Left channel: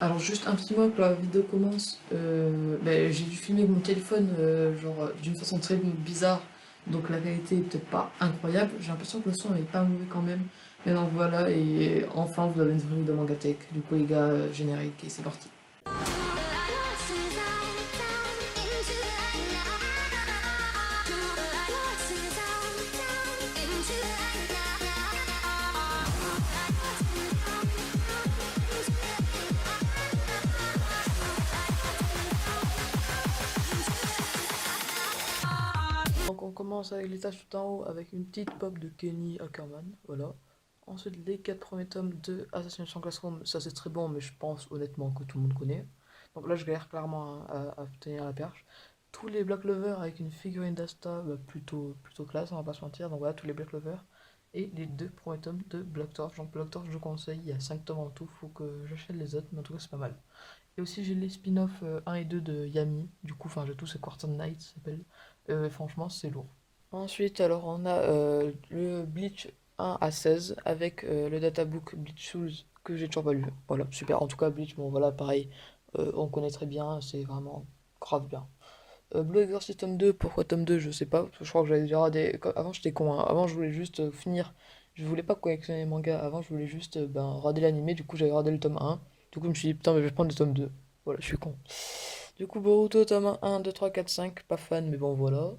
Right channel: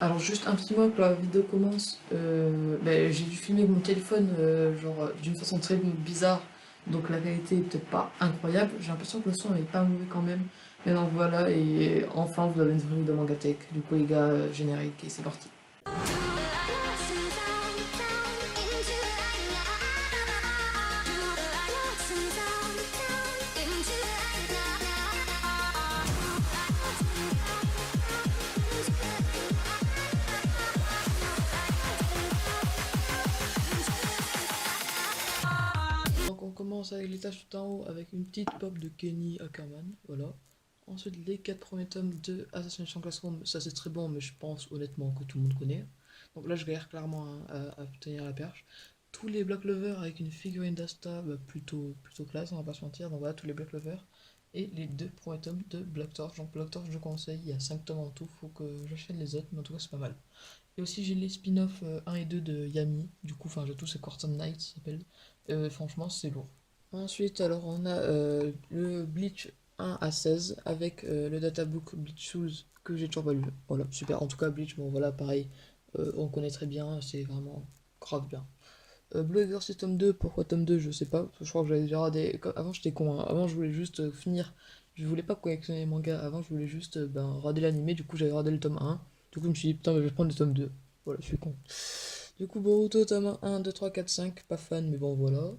Alors juste un petit mot que la vidéo commence, j'ai dû filmer avec mon téléphone d'une façon très bizarre, donc la qualité est peut-être pas incroyable, j'ai l'impression que le son est pas mauvais quand même, mais donc voilà, et enfin vous avez une vraie vidéo Mangatech, du coup les gars, générique et c'est parti. Donc on commence avec les tâches tout en haut avec une petite pop de Kenny Ackerman, voilà. Ensuite les 4 premiers tomes de Assassination Classroom, ça c'est très bon mais je pense honnêtement que tout le monde connaît. Donc là je galère clairement à tenir la perche. Tous les Black Lovers avec une figurine d'Asta, plutôt classe, on va pas se mentir. Donc voilà tous les Black Lovers. Et les 2 premiers tomes de Black Torch. Donc Black Torch je conseille, il y a 5 tomes en tout, faut que j'achète les autres, mais en tout cas c'est pas mal. Et aussi j'ai les spin-off 1 et 2 de Yami, du coup enfin j'ai tous ces Quarter Night ça s'appelle. Franchement c'est lourd. Ensuite alors on a le Bleach 1 à 16 avec le databook Bleach Shoes que j'ai toujours pas lu. Voilà, super. En tout cas Bleach, bon voilà pareil, on connaît très bien, c'est vraiment grave bien. Blue Exorcist tome 2, pourquoi tome 2 je sais pas, parce que je crois que j'avais déjà regardé. Avant j'étais con, hein. Avant je voulais juste finir, je voulais pas collectionner les mangas, avant je voulais juste regarder l'animé, du coup j'avais regardé le tome 1, du coup je me suis dit putain mais je vais prendre le tome 2, voilà je suis con. Du coup Boruto tome 1, 2, 3, 4, 5, pas fan mais bon voilà.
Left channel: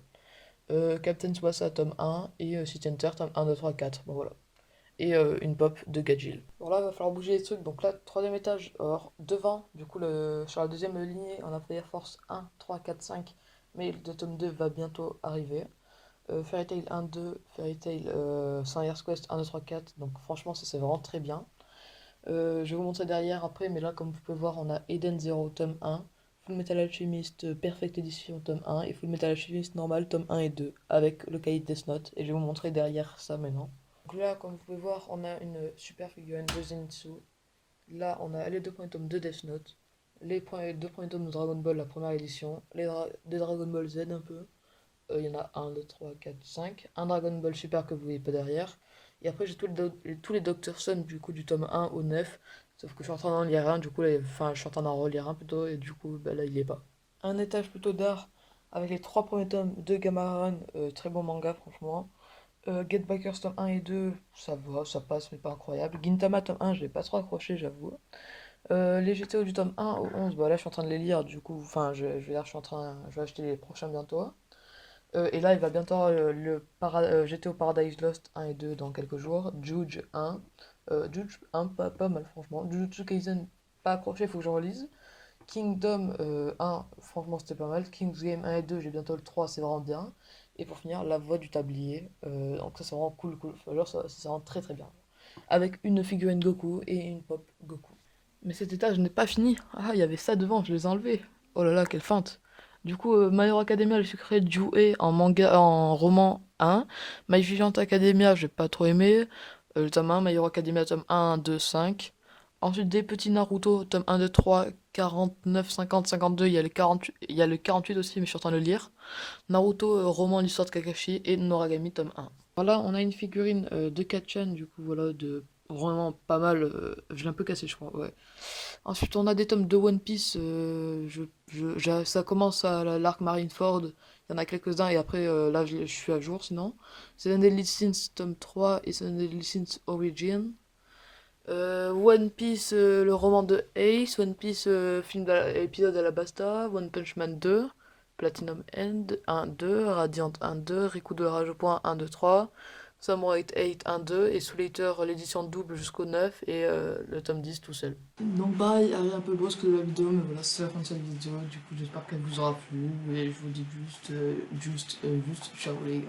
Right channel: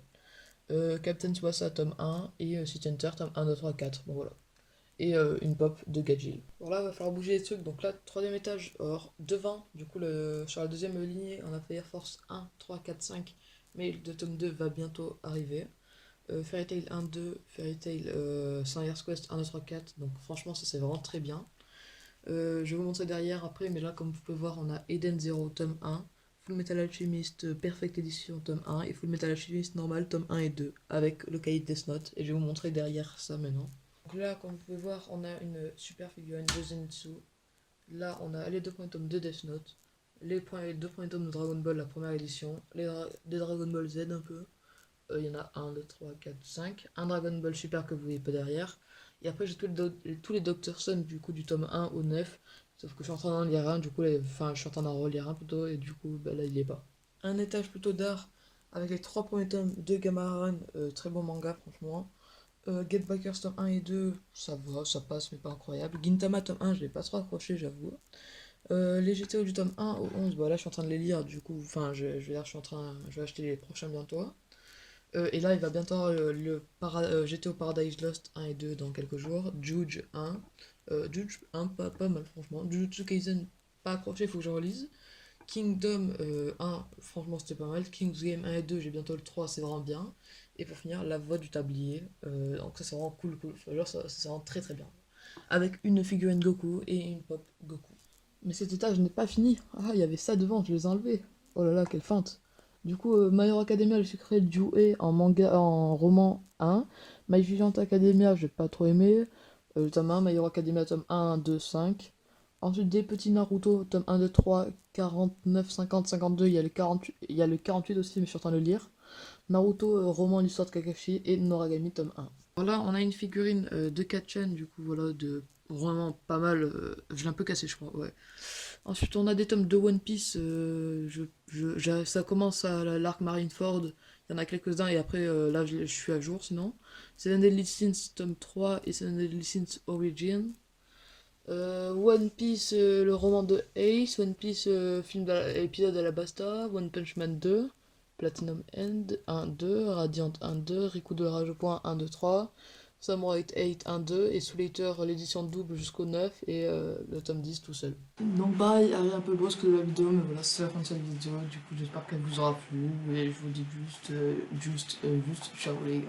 Captain Tsubasa tome 1 et City Hunter tome 1, 2, 3, 4, bon voilà. Et une pop de Gajil. Bon là il va falloir bouger les trucs, donc là troisième étage, alors devant, du coup sur la deuxième lignée on a Fire Force 1, 3, 4, 5, mais le tome 2 va bientôt arriver. Fairy Tail 1, 2, Fairy Tail Saint Years Quest 1, 2, 3, 4, donc franchement ça c'est vraiment très bien. Je vais vous montrer derrière après, mais là comme vous pouvez voir on a Eden Zero tome 1, Full Metal Alchemist Perfect Edition tome 1 et Full Metal Alchemist normal tome 1 et 2 avec le cahier de Death Note, et je vais vous montrer derrière ça maintenant. Donc là, comme vous pouvez voir, on a une super figurine de Zenitsu. Là, on a les 2 premiers tomes de Death Note, les 2 premiers tomes de Dragon Ball, la première édition, de Dragon Ball Z un peu. Il y en a un 2 3 4 5. Un Dragon Ball Super que vous voyez pas derrière. Et après, j'ai tous les Doctor Stone du coup du tome 1 au 9. Sauf que je suis en train d'en lire un, du coup, enfin, je suis en train d'en relire un plutôt, et du coup, là, il est pas. Un étage plutôt d'art avec les 3 premiers tomes de Gamma Run, très bon manga, franchement. Get Backers tome 1 et 2, ça va, ça passe, mais pas incroyable. Gintama tome 1, je l'ai pas trop accroché, j'avoue. Les GTO du tome 1 au 11, bah là je suis en train de les lire, du coup, enfin, je vais acheter les prochains bientôt. Et là, il va bientôt avoir GTO Paradise Lost 1 et 2 dans quelques jours. Juge 1. Juge 1, pas mal, franchement. Jujutsu Kaisen, pas accroché, faut que je relise. Kingdom 1, franchement, c'était pas mal. King's Game 1 et 2, j'ai bientôt le 3, c'est vraiment bien. Et pour finir, La Voix du Tablier. Donc ça, c'est vraiment cool. Enfin, genre, ça, c'est vraiment très très bien. Avec une figurine Goku et une pop Goku. Mais cet étage n'est pas fini. Ah, il y avait ça devant, je les ai enlevés. Oh là là, quelle feinte. Du coup, My Hero Academia, le secret de Jouer en manga, en roman 1. My Vigilant Academia, j'ai pas trop aimé. Le tome 1, My Hero Academia, tome 1, 2, 5. Ensuite, des petits Naruto, tome 1, 2, 3, 49, 50, 52. Il y a le 48 aussi, mais je suis en train de le lire. Naruto, roman l'histoire de Kakashi et Noragami, tome 1. Voilà, on a une figurine de Kachan, du coup, voilà, de vraiment pas mal. Je l'ai un peu cassé, je crois, ouais. Ensuite, on a des tomes de One Piece. Ça commence à l'arc Marineford. Il y en a quelques-uns, et après, là, je suis à jour, sinon. Seven Deadly Sins, tome 3, et Seven Deadly Sins Origin. One Piece, le roman de Ace. One Piece, épisode à la Basta. One Punch Man 2. Platinum End 1, 2. Radiant 1, 2. Riku de la Rage au point 1, 2, 3. Samurai 8, 1, 2. Et Soul Eater, l'édition double jusqu'au 9. Et le tome 10 tout seul. Donc pareil, elle est un peu brusque de la vidéo, mais voilà, c'est la fin de cette vidéo. Du coup, j'espère qu'elle vous aura plu. Et je vous dis juste ciao les gars.